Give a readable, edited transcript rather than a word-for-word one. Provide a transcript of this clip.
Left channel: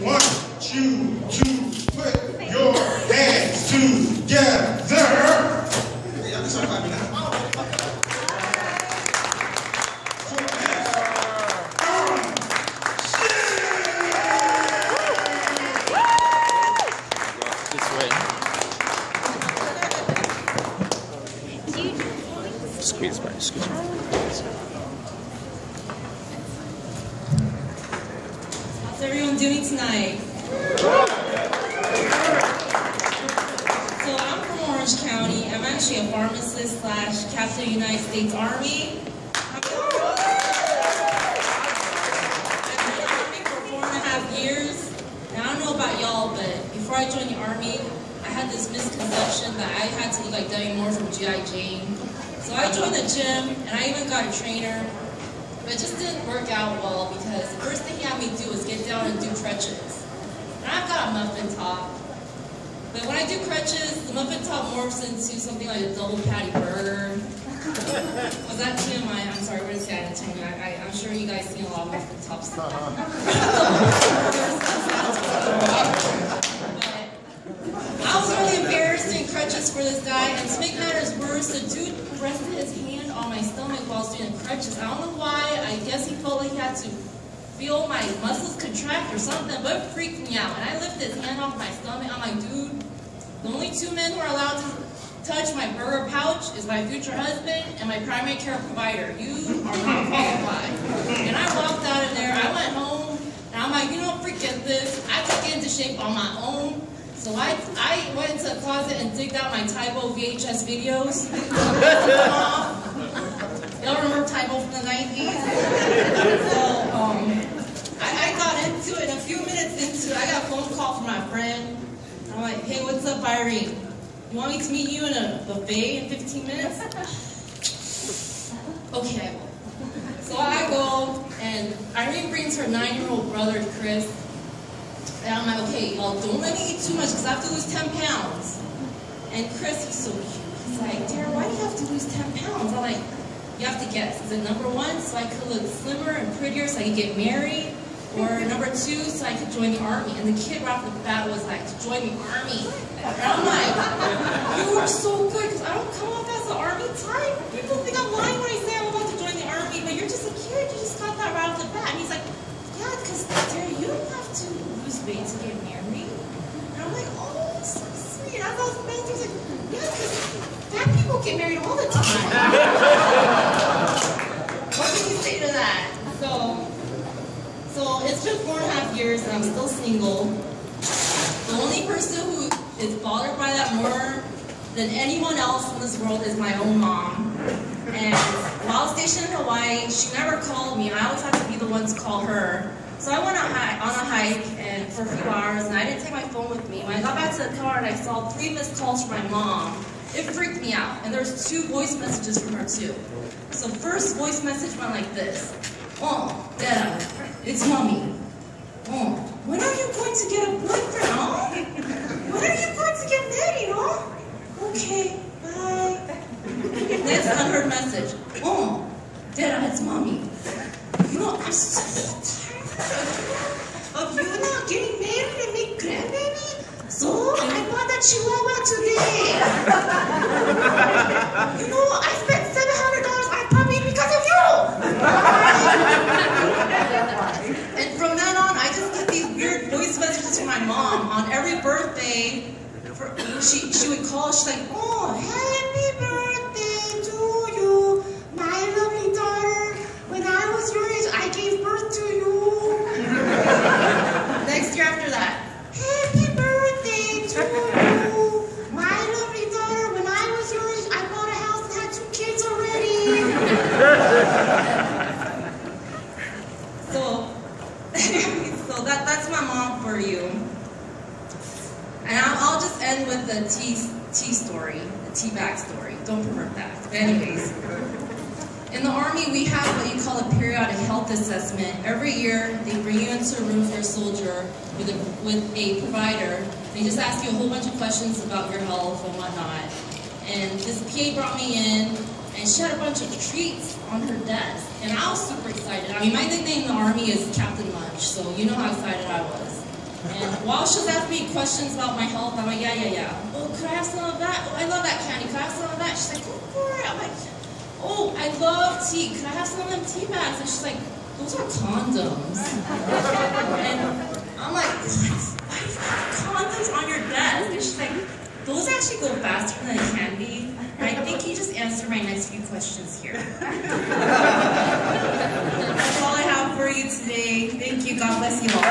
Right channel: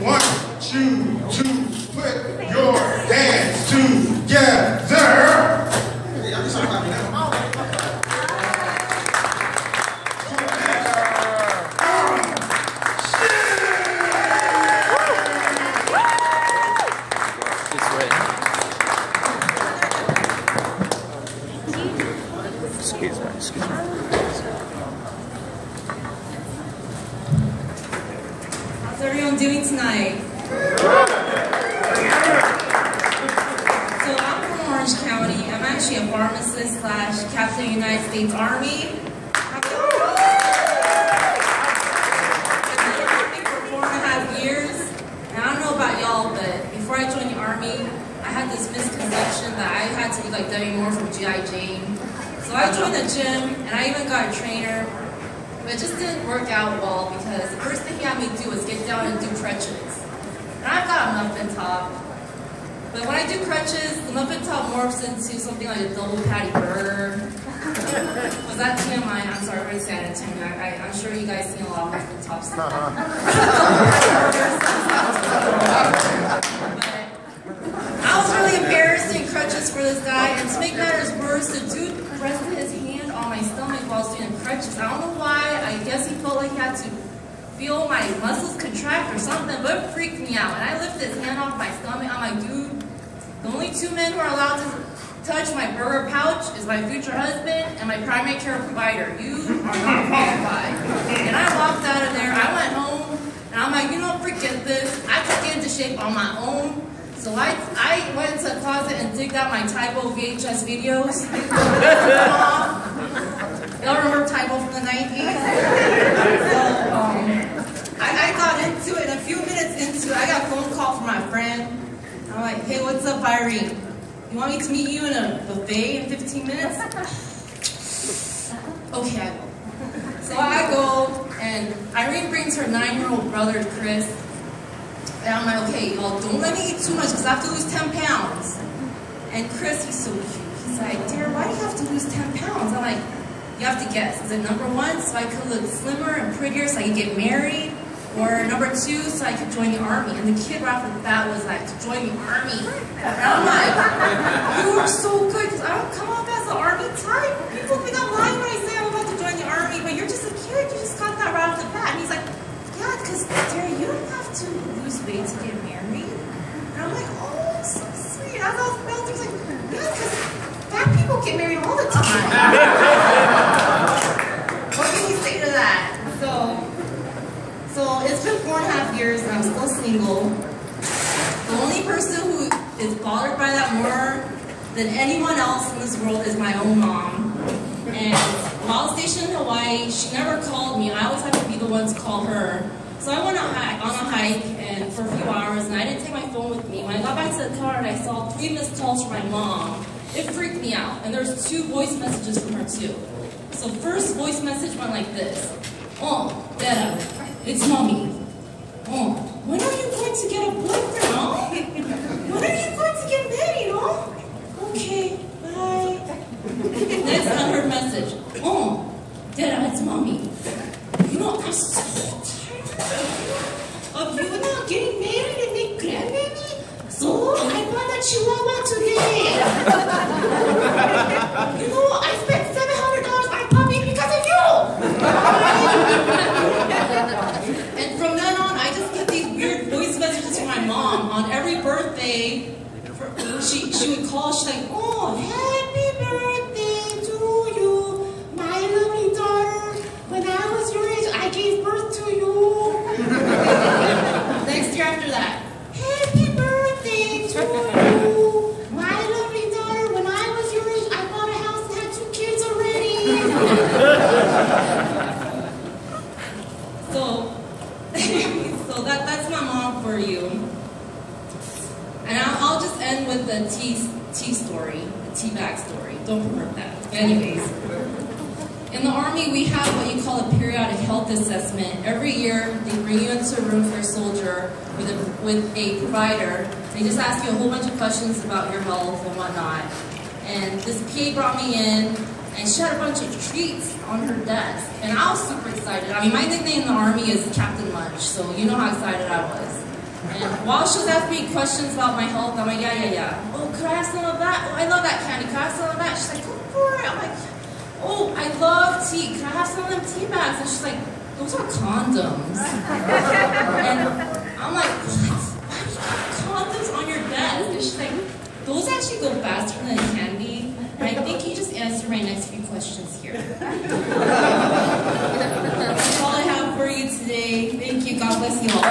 1, 2, 2, put your hands together. Excuse me. How's everyone doing tonight? So I'm from Orange County. I'm actually a pharmacist / Captain of the United States Army. I've been in the Army for 4.5 years. And I don't know about y'all, but before I joined the Army, I had this misconception that I had to be like Debbie Moore from G.I. Jane. So I joined the gym, and I even got a trainer, but it just didn't work out well because the first thing he had me do was get down and do crutches. And I've got a muffin top, but when I do crutches, the muffin top morphs into something like a double patty burger. Was that TMI? I'm sorry, we're in San Antonio. I'm sure you guys seen a lot of muffin tops. But I was really embarrassed in crutches for this guy, and to make matters worse, the dude rested his hand on my stomach while I was doing the crutches. I don't know why. I guess he felt like he had to feel my muscles contract or something, but it freaked me out. And I lifted his hand off my stomach. I'm like, dude, the only 2 men who are allowed to touch my burger pouch is my future husband and my primary care provider. You are not qualified. And I walked out of there. I went home, and I'm like, you know, forget this. I can get into shape on my own. So I went into the closet and digged out my Tybo VHS videos. Y'all remember Tybo from the 90s? So I got into it, and a few minutes into it, I got a phone call from my friend. I'm like, hey, what's up, Irene? You want me to meet you in a buffet in 15 minutes? Okay, I will. So I go, and Irene brings her 9-year-old brother, Chris. And I'm like, okay, y'all, don't let me eat too much because I have to lose 10 pounds. And Chris, he's so cute. He's like, Dara, why do you have to lose 10 pounds? I'm like, you have to guess. Is it number 1, so I could look slimmer and prettier so I could get married? Or number 2, so I could join the Army? And the kid right off the bat was like, to join the Army. And I'm like, you are so good because I don't come off as an Army type. People think I'm lying when I say I'm about to join the Army, but you're just a kid. You just got that right off the bat. And he's like, yeah, because Dara, you don't have to lose weight to get married. And I'm like, oh, it's so sweet. I was about to like, yeah, because fat people get married all the time. What can you say to that? So it's been 4.5 years and I'm still single. The only person who is bothered by that more than anyone else in this world is my own mom. And while stationed in Hawaii, she never called me. I always have to be the one to call her. So I went on a hike and for a few hours, and I didn't take my phone with me. When I got back to the car and I saw 3 missed calls from my mom, it freaked me out. And there's 2 voice messages from her too. So first voice message went like this. Oh, Dara, it's mommy. Oh, when are you going to get a boyfriend, huh? When are you going to get married, huh? Okay, bye. Next unheard message. Oh, Dara, it's mommy. You know, I'm so tired of you not getting married and make grandbaby. So I bought a chihuahua today. You know, I spent $700 on a puppy because of you. And from then on, I just get these weird voice messages from my mom on every birthday. She would call. She's like, oh, happy birthday to you, my lovely daughter. When I was your age, I gave birth to you. Next year after that, happy birthday to you, my lovely daughter. When I was your age, I bought a house and had 2 kids already. So that's my mom for you. And I'll just end with the tea story, the tea bag story. Don't pervert that. Anyways, in the Army, we have what you call a periodic health assessment. Every year, they bring you into a room for a soldier with a provider. They just ask you a whole bunch of questions about your health and whatnot. And this PA brought me in, and she had a bunch of treats on her desk. And I was super excited. I mean, my nickname in the Army is Captain Lunch, so you know how excited I was. And while she was asking me questions about my health, I'm like, yeah. Oh, could I have some of that? Oh, I love that candy. Could I have some of that? She's like, go for it. I'm like, oh, I love tea. Can I have some of them tea bags? And she's like, those are condoms. And I'm like, what? Why do you have condoms on your desk? And she's like, those actually go faster than candy. And I think you just answered my next few questions here. That's all I have for you today. Thank you. God bless you all.